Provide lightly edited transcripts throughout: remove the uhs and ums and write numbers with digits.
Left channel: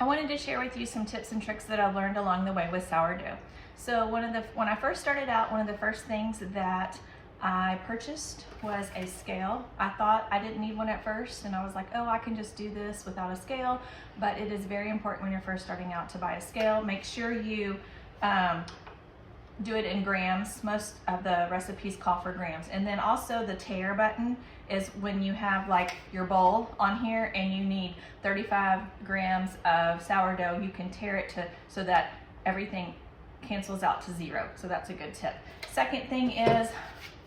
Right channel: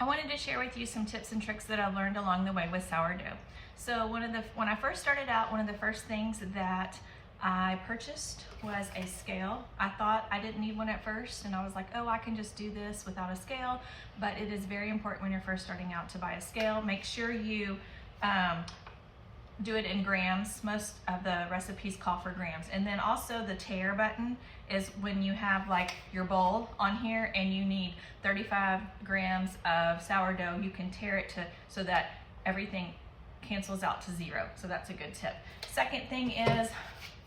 I wanted to share with you some tips and tricks that I've learned along the way with sourdough. So when I first started out, one of the first things that I purchased was a scale. I thought I didn't need one at first, and I was like, oh, I can just do this without a scale, but it is very important when you're first starting out to buy a scale. Make sure you do it in grams. Most of the recipes call for grams. And then also the tare button is when you have like your bowl on here and you need 35 grams of sourdough, you can tare it so that everything cancels out to 0. So that's a good tip. Second thing is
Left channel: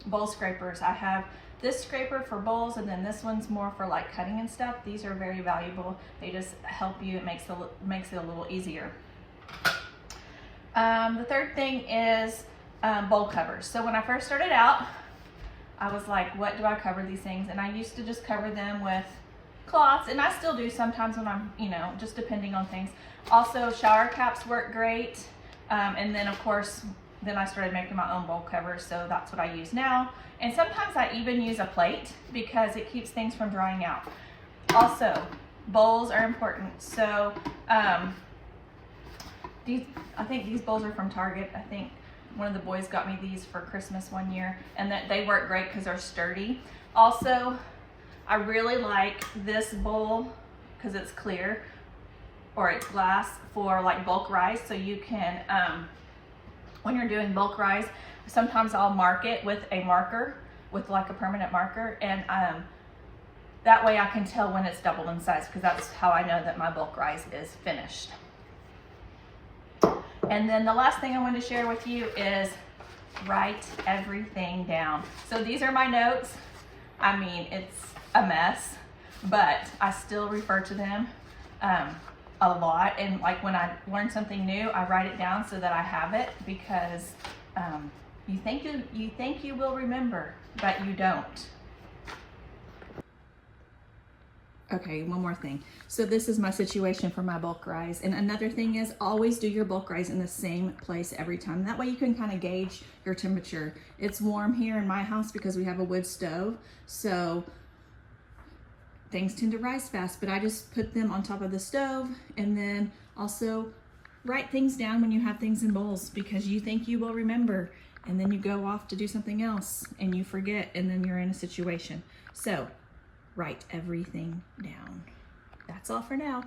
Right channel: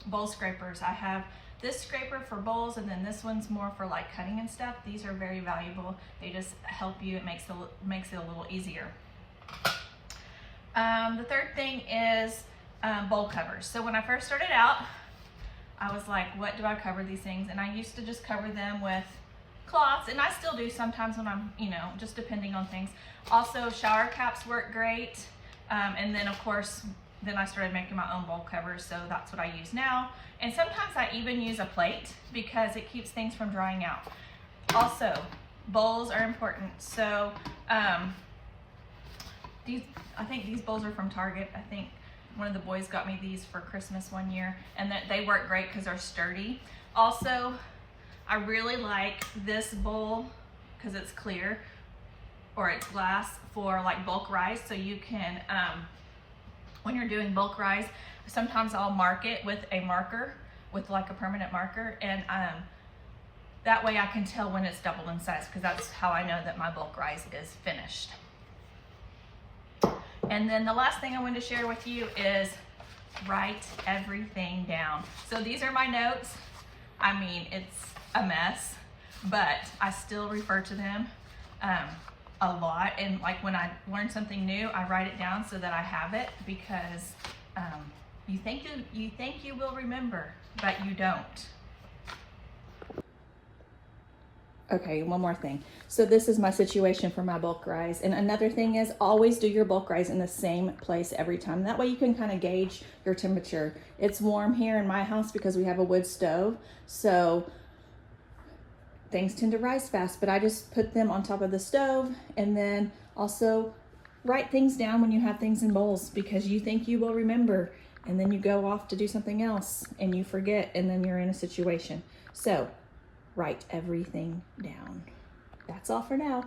bowl scrapers. I have this scraper for bowls, and then this one's more for like cutting and stuff. These are very valuable. They just help you. It makes it a little easier. The third thing is bowl covers. So when I first started out, I was like, what do I cover these things? And I used to just cover them with cloths, and I still do sometimes when I'm, just depending on things. Also, shower caps work great. And then of course, then I started making my own bowl covers, so that's what I use now. And sometimes I even use a plate because it keeps things from drying out. Also, bowls are important. So I think these bowls are from Target. I think one of the boys got me these for Christmas one year, and that they work great because they're sturdy. Also, I really like this bowl because it's clear, or it's glass, for like bulk rice. So you can, when you're doing bulk rice, sometimes I'll mark it with a marker, with like a permanent marker, and that way I can tell when it's doubled in size, because that's how I know that my bulk rice is finished. And then the last thing I want to share with you is write everything down. So these are my notes. I mean, it's a mess, but I still refer to them a lot. And like when I learn something new, I write it down so that I have it, because you think you will remember, but you don't. Okay, one more thing. So this is my situation for my bulk rice. And another thing is, always do your bulk rice in the same place every time. That way you can kind of gauge your temperature. It's warm here in my house because we have a wood stove. So things tend to rise fast, but I just put them on top of the stove. And then also write things down when you have things in bowls, because you think you will remember, and then you go off to do something else and you forget, and then you're in a situation. So write everything down. That's all for now.